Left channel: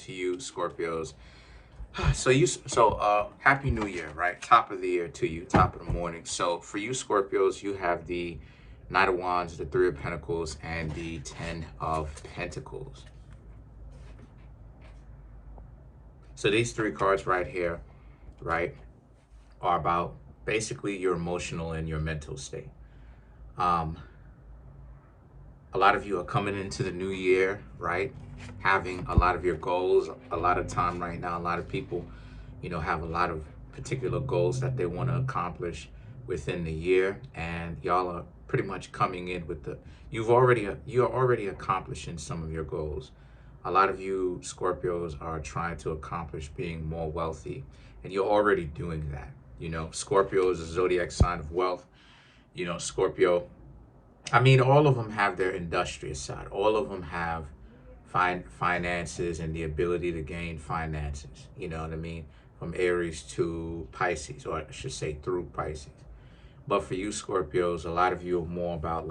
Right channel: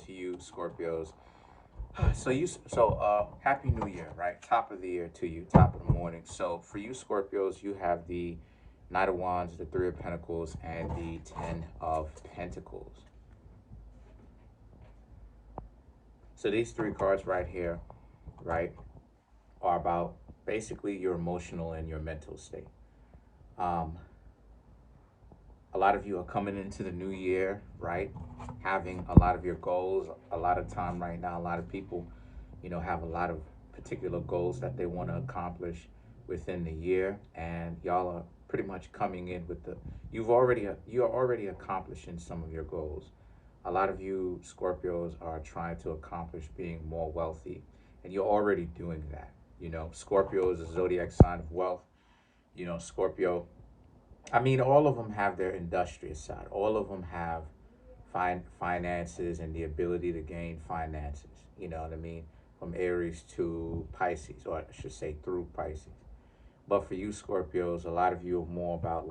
to you, Scorpios. Happy New Year, right? Top of the year to you, top of the morning. So for you, Scorpios, you have the Knight of Wands, the Three of Pentacles, and the Ten of Pentacles. So these three cards right here, right, are about basically your emotional and your mental state. A lot of you are coming into the new year, right? Having a lot of your goals, a lot of time right now. A lot of people, have a lot of particular goals that they want to accomplish within the year, and y'all are pretty much coming in with you're already accomplishing some of your goals. A lot of you Scorpios are trying to accomplish being more wealthy, and you're already doing that. Scorpio is a zodiac sign of wealth. Scorpio, all of them have their industrious side. All of them have finances and the ability to gain finances. You know what I mean? From Aries to Pisces, or I should say through Pisces. But for you Scorpios, a lot of you are more about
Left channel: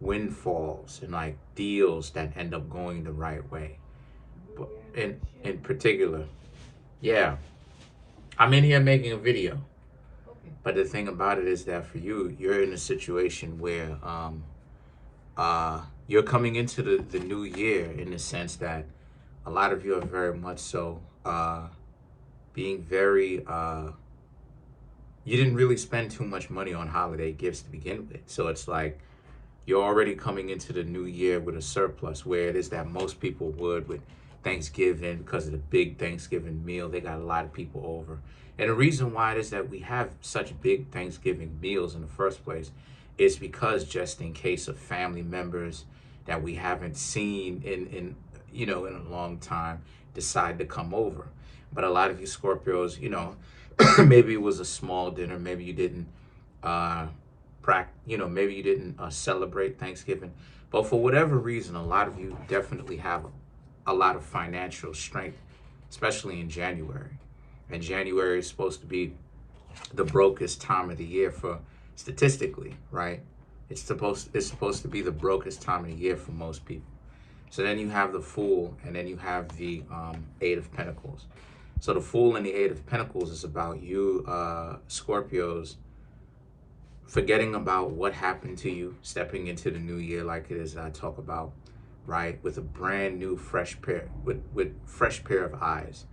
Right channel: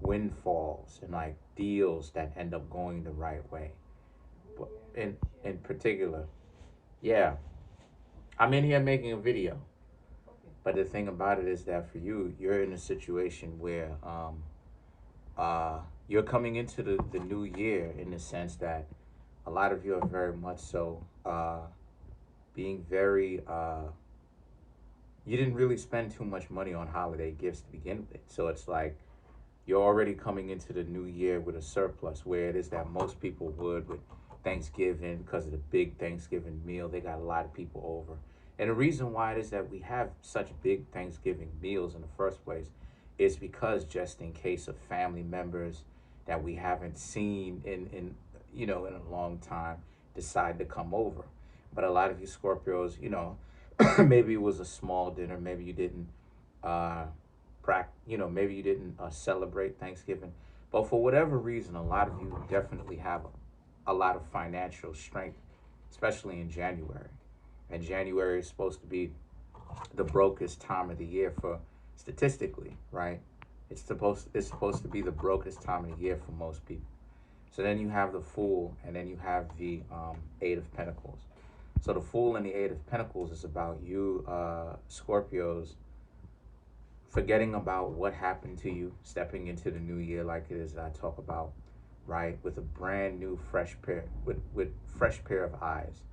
windfalls and like deals that end up going the right way. But in particular, yeah, I'm in here making a video. But the thing about it is that for you, you're in a situation where you're coming into the new year in the sense that a lot of you are very much so being very, you didn't really spend too much money on holiday gifts to begin with. So it's like you're already coming into the new year with a surplus, where it is that most people would with Thanksgiving, because of the big Thanksgiving meal. They got a lot of people over. And the reason why it is that we have such big Thanksgiving meals in the first place is because just in case of family members that we haven't seen in a long time decide to come over. But a lot of you Scorpios, maybe it was a small dinner, maybe you didn't maybe you didn't celebrate Thanksgiving. But for whatever reason, a lot of you definitely have a lot of financial strength, especially in January. And January is supposed to be the brokest time of the year for statistically, right? It's supposed to be the brokest time of the year for most people. So then you have the Fool, and then you have the Eight of Pentacles. So the Fool and the Eight of Pentacles is about you Scorpios forgetting about what happened to you, stepping into the new year like it is I talk about, right? With a brand new fresh pair, with fresh pair of eyes.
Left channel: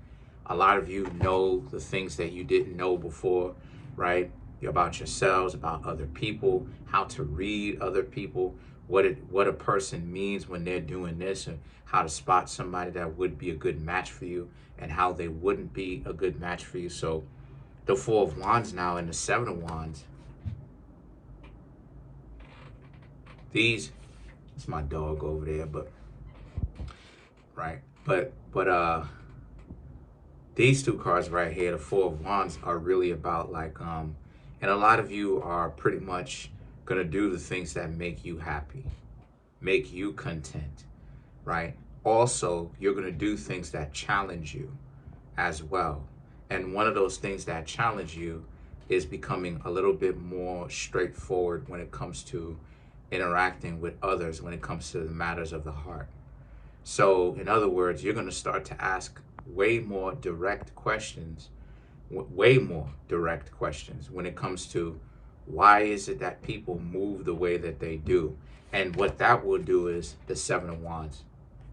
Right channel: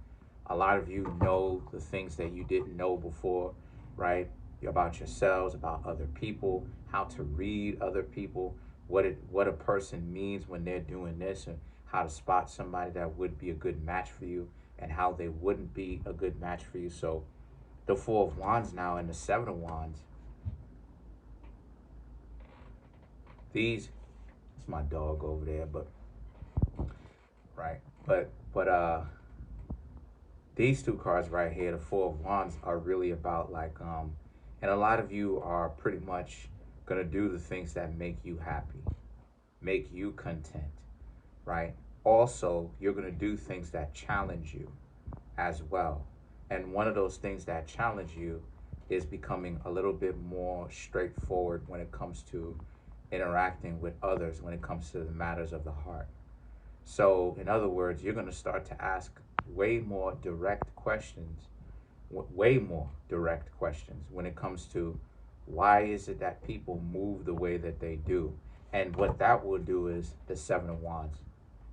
A lot of you know the things that you didn't know before, right? About yourselves, about other people, how to read other people, what a person means when they're doing this, and how to spot somebody that would be a good match for you and how they wouldn't be a good match for you. So the Four of Wands now and the Seven of Wands. It's my dog over there, but right. But these two cards right here, the Four of Wands, are really about and a lot of you are pretty much gonna do the things that make you happy, make you content, right? Also, you're gonna do things that challenge you as well. And one of those things that challenge you is becoming a little bit more straightforward when it comes to interacting with others, when it comes to the matters of the heart. So in other words, you're going to start to ask way more direct questions when it comes to why is it that people move the way that they do. And what that will do is the Seven of Wands.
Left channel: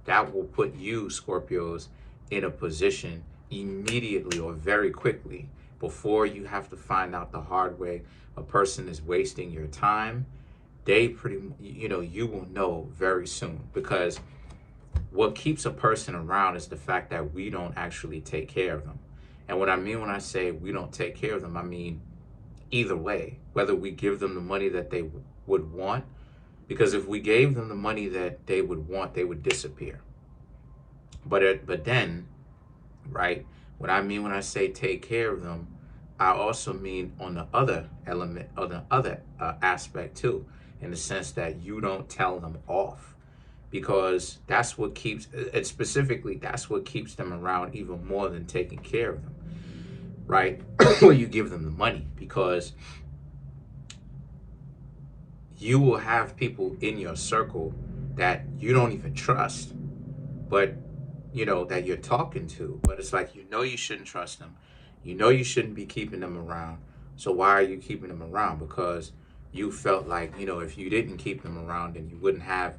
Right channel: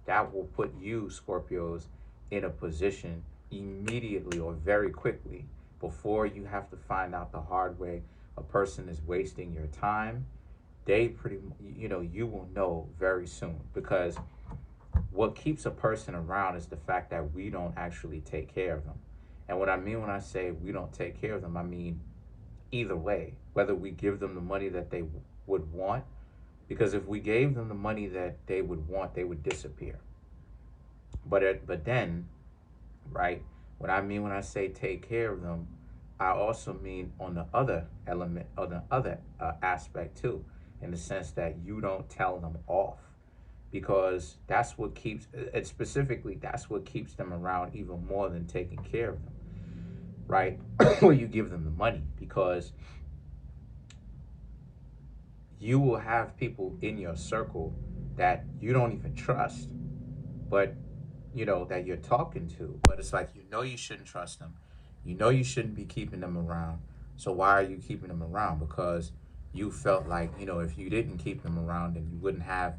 That will put you Scorpios in a position immediately or very quickly, before you have to find out the hard way a person is wasting your time. You will know very soon, because what keeps a person around is the fact that we don't actually take care of them. And what I mean when I say we don't take care of them, I mean either way, whether we give them the money that they would want, because if we gave them the money that they would want, they would disappear. But then, right, what I mean when I say take care of them, I also mean on the other element, or the other aspect too, in the sense that you don't tell them off, because that's what keeps it, specifically that's what keeps them around even more than taking care of them, right? Or you give them the money, because you will have people in your circle that you don't even trust, but that you're talking to, but it's like, you shouldn't trust them. You shouldn't be keeping them around. So why are you keeping them around? Because you felt like, if you didn't keep them around, then you wouldn't have,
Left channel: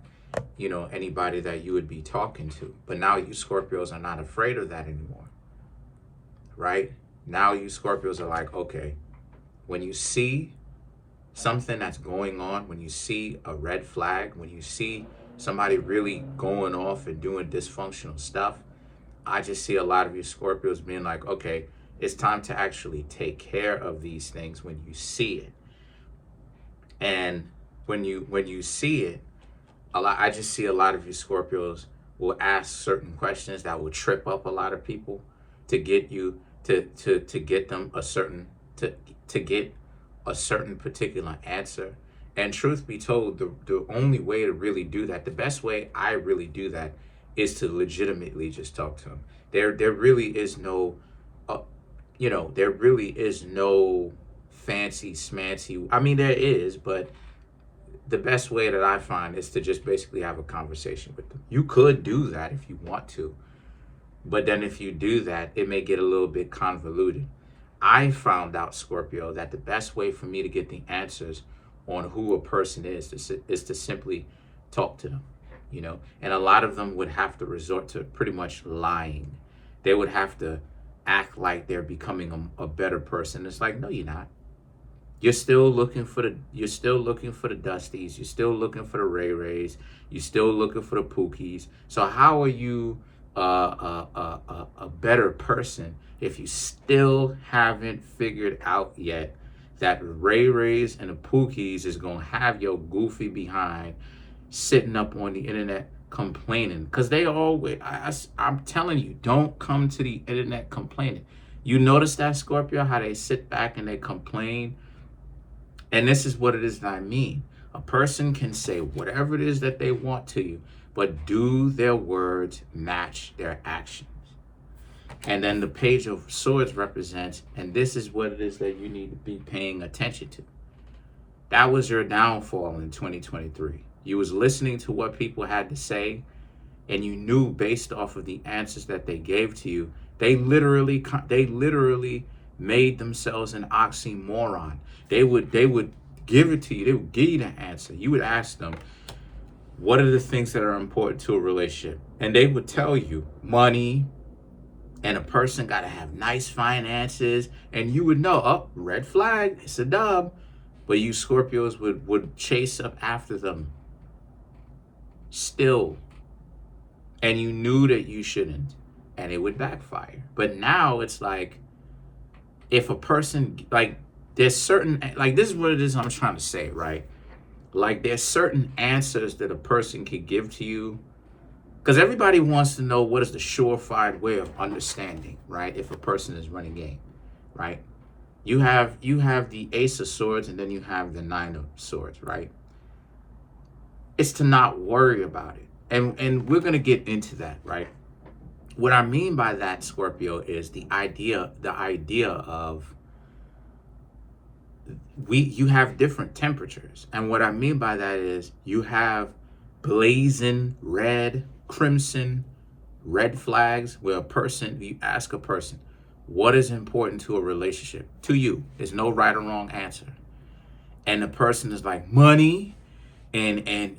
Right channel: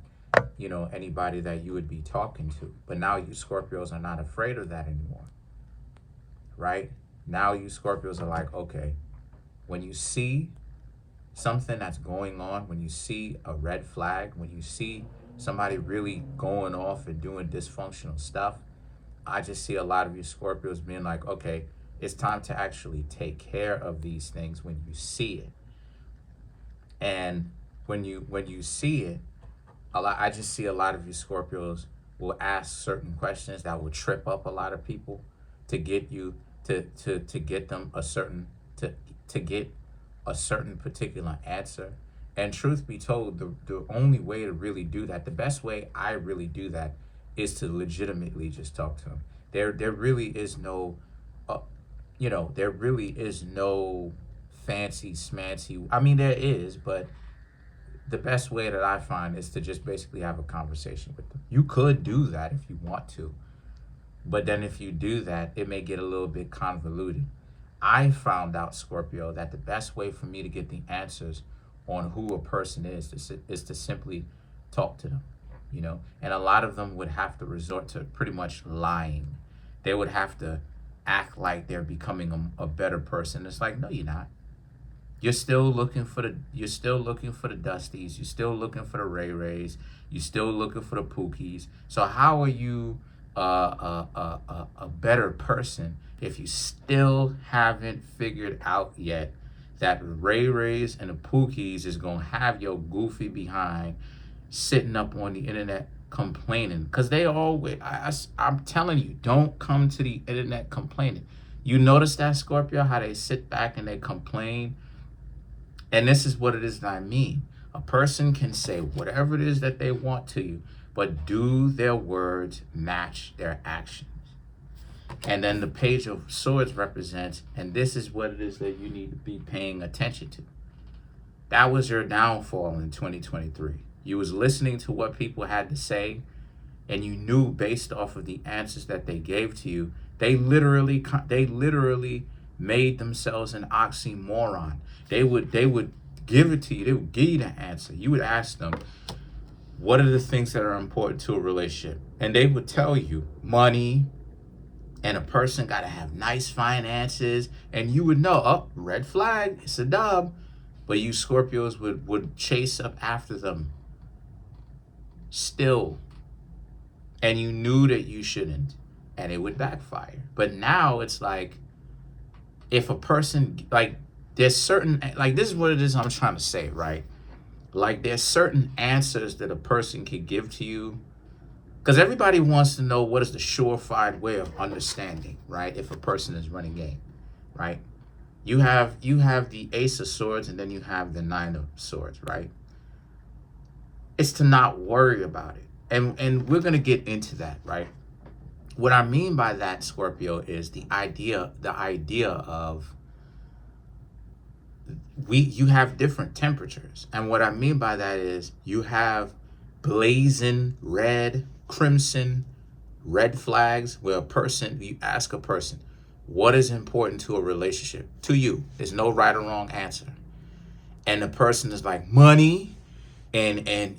anybody that you would be talking to. But now you Scorpios are not afraid of that anymore, right? Now you Scorpios are like, okay, when you see something that's going on, when you see a red flag, when you see somebody really going off and doing dysfunctional stuff, I just see a lot of you Scorpios being like, okay, it's time to actually take care of these things when you see it. And when you see it, I just see a lot of you Scorpios will ask certain questions that will trip up a lot of people to get you to get them to get a certain particular answer. And truth be told, the only way to really do that, the best way I really do that, is to legitimately just talk to them. There really is no, there really is no fancy smancy. I mean, there is, but the best way that I find is to just basically have a conversation with them. You could do that if you want to, but then if you do that, it may get a little bit convoluted. I found out, Scorpio, that the best way for me to get the answers on who a person is to simply talk to them, and a lot of them would have to resort to pretty much lying. They would have to act like they're becoming a better person. It's like, no, you're not. You're still looking for the Dusties. You're still looking for the Ray Rays. You're still looking for the Pookies. So how are you a better person if you still haven't figured out yet that Ray Rays and the Pookies is gonna have your goofy behind sitting up on the internet complaining? Because they always, I'm telling you, don't come to the internet complaining. You notice that, Scorpio, how they sit back and they complain? And this is what it is that I mean. A person can say whatever it is that they want to you, but do their words match their actions? And then the Page of Swords represents, and this is what it is that you need to be paying attention to. That was your downfall in 2023. You was listening to what people had to say, and you knew based off of the answers that they gave to you, they literally made themselves an oxymoron. They would give it to you. They would give you the answer. You would ask them, what are the things that are important to a relationship? And they would tell you money, and a person got to have nice finances, and you would know, oh, red flag, it's a dub. But you Scorpios would chase up after them still, and you knew that you shouldn't, and it would backfire. But now it's like, if a person, like, there's certain, like, this is what it is I'm trying to say, right? Like, there's certain answers that a person can give to you, because everybody wants to know what is the surefire way of understanding, right? If a person is running game, right? You have the Ace of Swords, and then you have the Nine of Swords, right? It's to not worry about it. And we're going to get into that, right? What I mean by that, Scorpio, is the idea of you have different temperatures. And what I mean by that is you have blazing red, crimson, red flags where you ask a person, what is important to a relationship? To you. There's no right or wrong answer. And the person is like, money and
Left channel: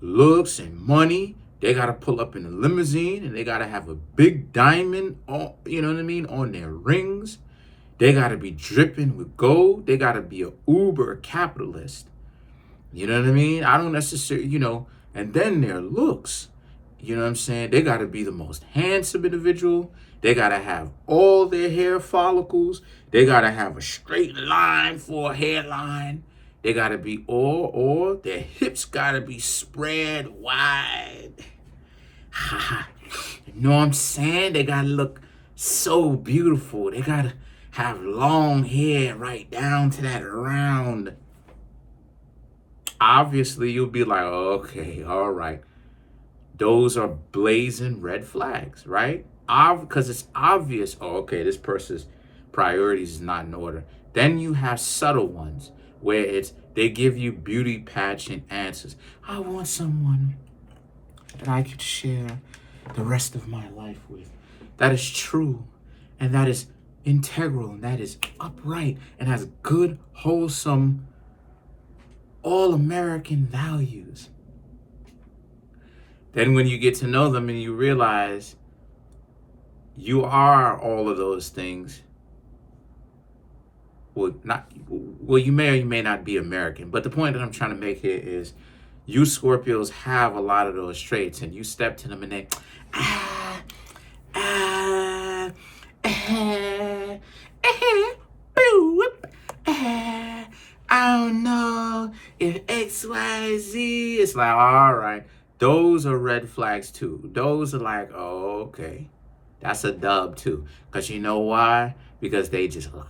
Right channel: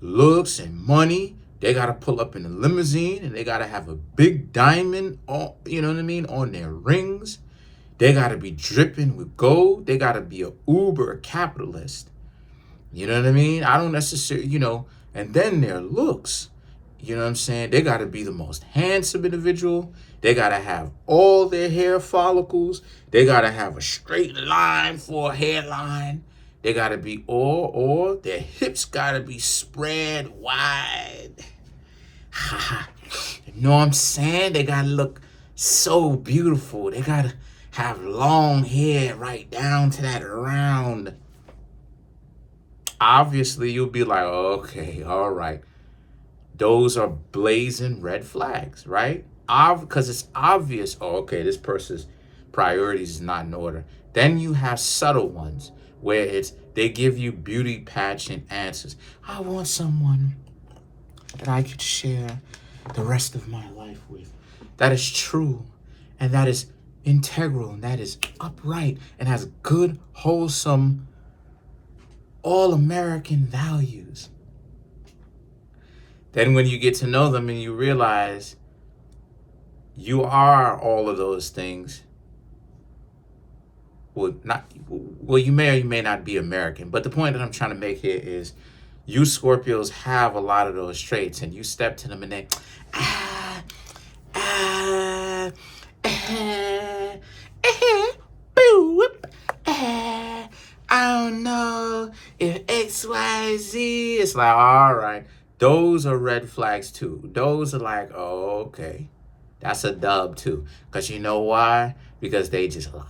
looks and money. They got to pull up in a limousine, and they got to have a big diamond on, on their rings. They got to be dripping with gold. They got to be a uber capitalist. You know what I mean? I don't necessarily, and then their looks, you know what I'm saying? They got to be the most handsome individual. They got to have all their hair follicles. They got to have a straight line for a hairline. They got to be or their hips got to be spread wide. You know what I'm saying? They got to look so beautiful. They got to have long hair right down to that round. Obviously, you'll be like, okay, all right. Those are blazing red flags, right? Because it's obvious, okay, this person's priorities is not in order. Then you have subtle ones where they give you beauty pageant answers. I want someone that I could share the rest of my life with. That is true, and that is integral, and that is upright, and has good, wholesome, all-American values. Then when you get to know them and you realize you are all of those things, well, you may or you may not be American, but the point that I'm trying to make here is you Scorpios have a lot of those traits, and you step to them and they, I don't know if X, Y, Z. It's like, all right, those are red flags too. Those are like, oh, okay, that's a dub too. Because you know why? Because they just lied.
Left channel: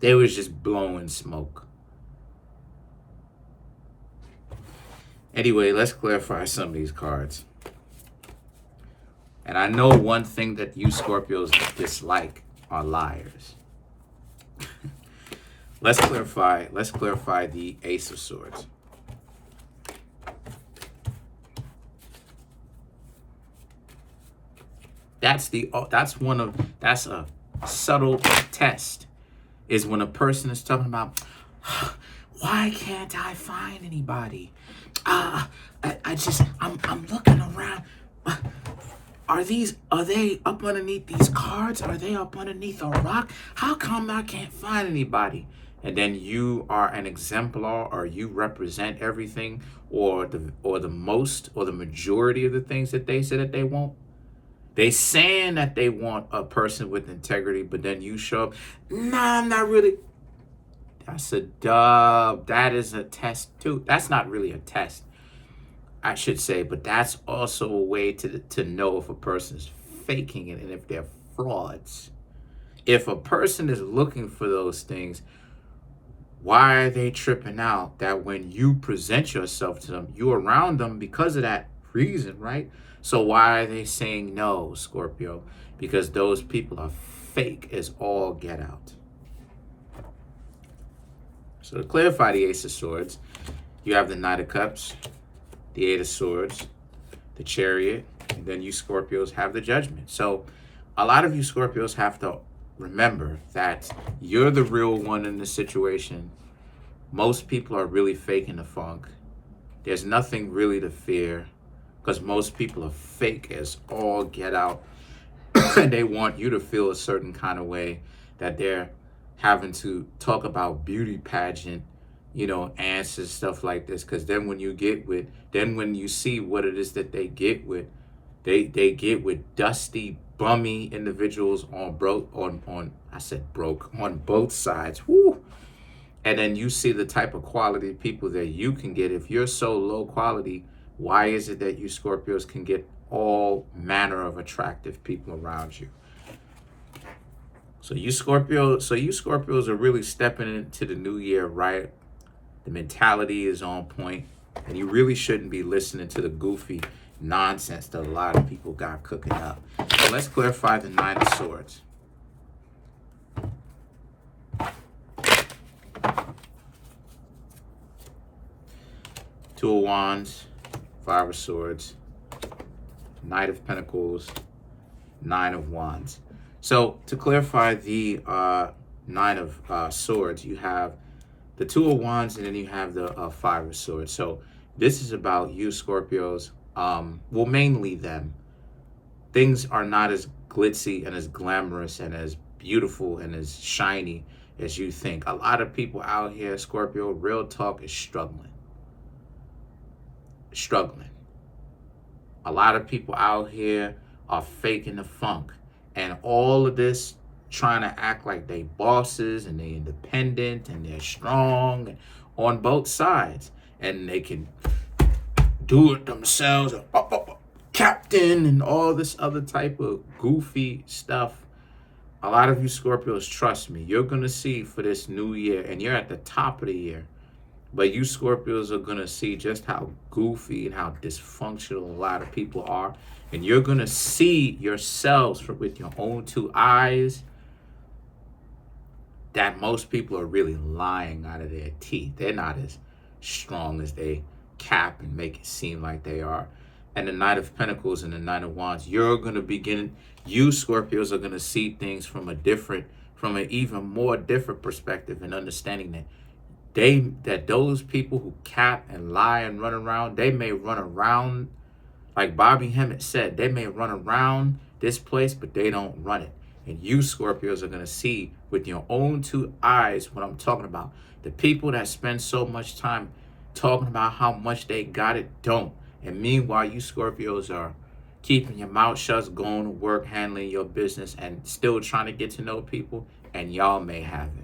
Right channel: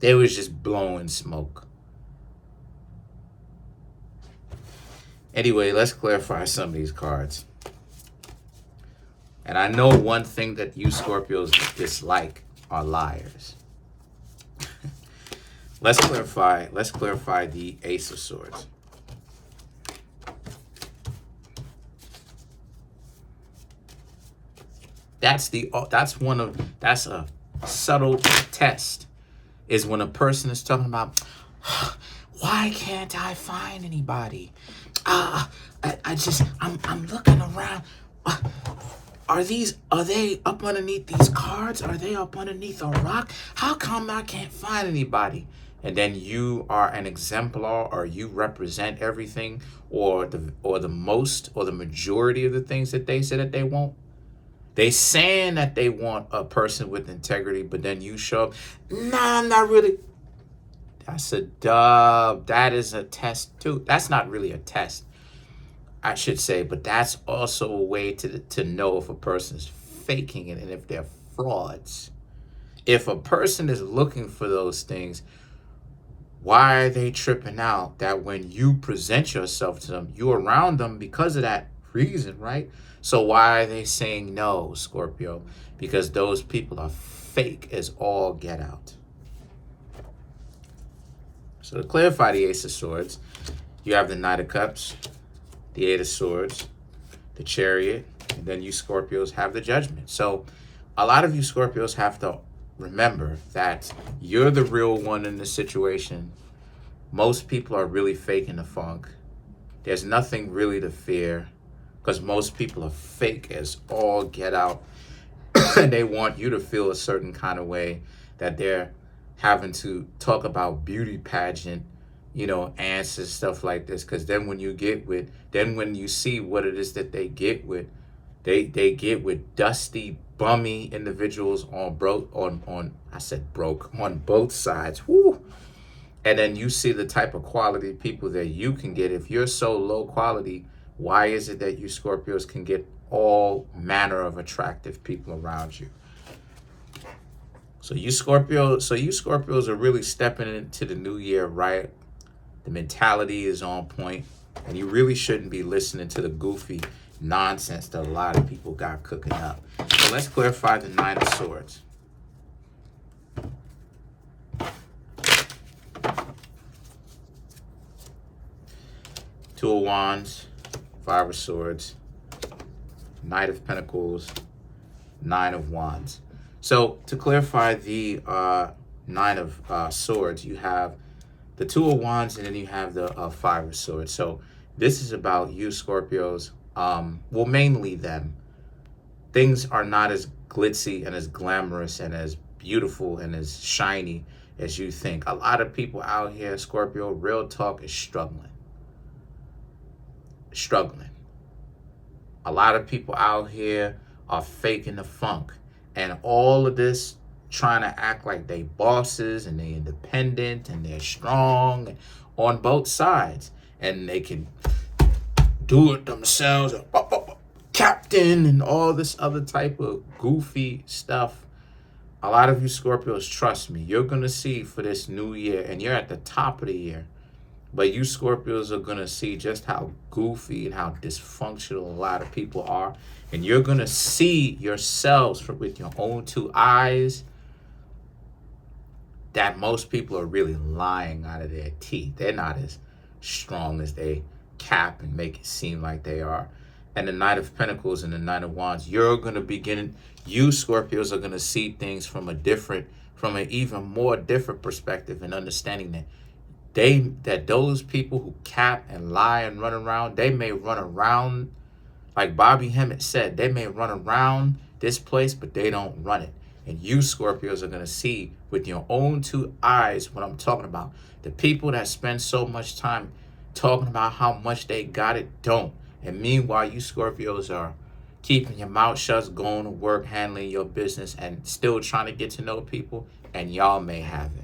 They was just blowing smoke. Anyway, let's clarify some of these cards. And I know one thing that you Scorpios dislike are liars. Let's clarify the Ace of Swords. That's a subtle test, is when a person is talking about, why can't I find anybody? I'm looking around. Are they up underneath these cards? Are they up underneath a rock? How come I can't find anybody? And then you are an exemplar, or you represent everything, or the majority of the things that they say that they won't. They saying that they want a person with integrity, but then you show up, nah, I'm not really. That's a dub. That is a test too. That's not really a test, I should say, but that's also a way to know if a person is faking it and if they're frauds. If a person is looking for those things, why are they tripping out that when you present yourself to them, you're around them because of that reason, right? So why are they saying no, Scorpio? Because those people are fake as all get out. So to clarify the Ace of Swords, you have the Knight of Cups, the Eight of Swords, the Chariot, and then you Scorpios have the Judgment. So a lot of you Scorpios have to remember that you're the real one in the situation. Most people are really faking the funk. There's nothing really to fear, because most people are fake as all get out. And they want you to feel a certain kind of way, that they're having to talk about beauty pageant, answers, stuff like this. Because then when you see what it is that they get with, they get with dusty, bummy individuals on both sides. Woo! And then you see the type of quality people that you can get. If you're so low quality, why is it that you Scorpios can get all manner of attractive people around you? So you Scorpios are really stepping into the new year, right? The mentality is on point, and you really shouldn't be listening to the goofy nonsense that a lot of people got cooking up. So let's clarify the Nine of Swords. Two of Wands, Five of Swords, Knight of Pentacles, Nine of Wands. So to clarify the Nine of Swords, you have the Two of Wands, and then you have the Five of Swords. So this is about you Scorpios, well, mainly them. Things are not as glitzy and as glamorous and as beautiful and as shiny as you think. A lot of people out here, Scorpio, real talk, is struggling. A lot of people out here are faking the funk, and all of this trying to act like they bosses and they independent and they're strong on both sides, and they can do it themselves, captain, and all this other type of goofy stuff. A lot of you Scorpios, trust me, you're gonna see for this new year, and you're at the top of the year, but you Scorpios are going to see just how goofy and how dysfunctional a lot of people are. And you're going to see yourselves with your own two eyes that most people are really lying out of their teeth. They're not as strong as they cap and make it seem like they are. And the Knight of Pentacles and the Knight of Wands, you're going to begin, you Scorpios are going to see things from an even more different perspective, and understanding that those people who cap and lie and run around, they may run around, like Bobby Hemmett said, they may run around this place, but they don't run it. And you Scorpios are going to see with your own two eyes what I'm talking about. The people that spend so much time talking about how much they got it don't. And meanwhile, you Scorpios are keeping your mouth shut, going to work, handling your business, and still trying to get to know people, and y'all may have it.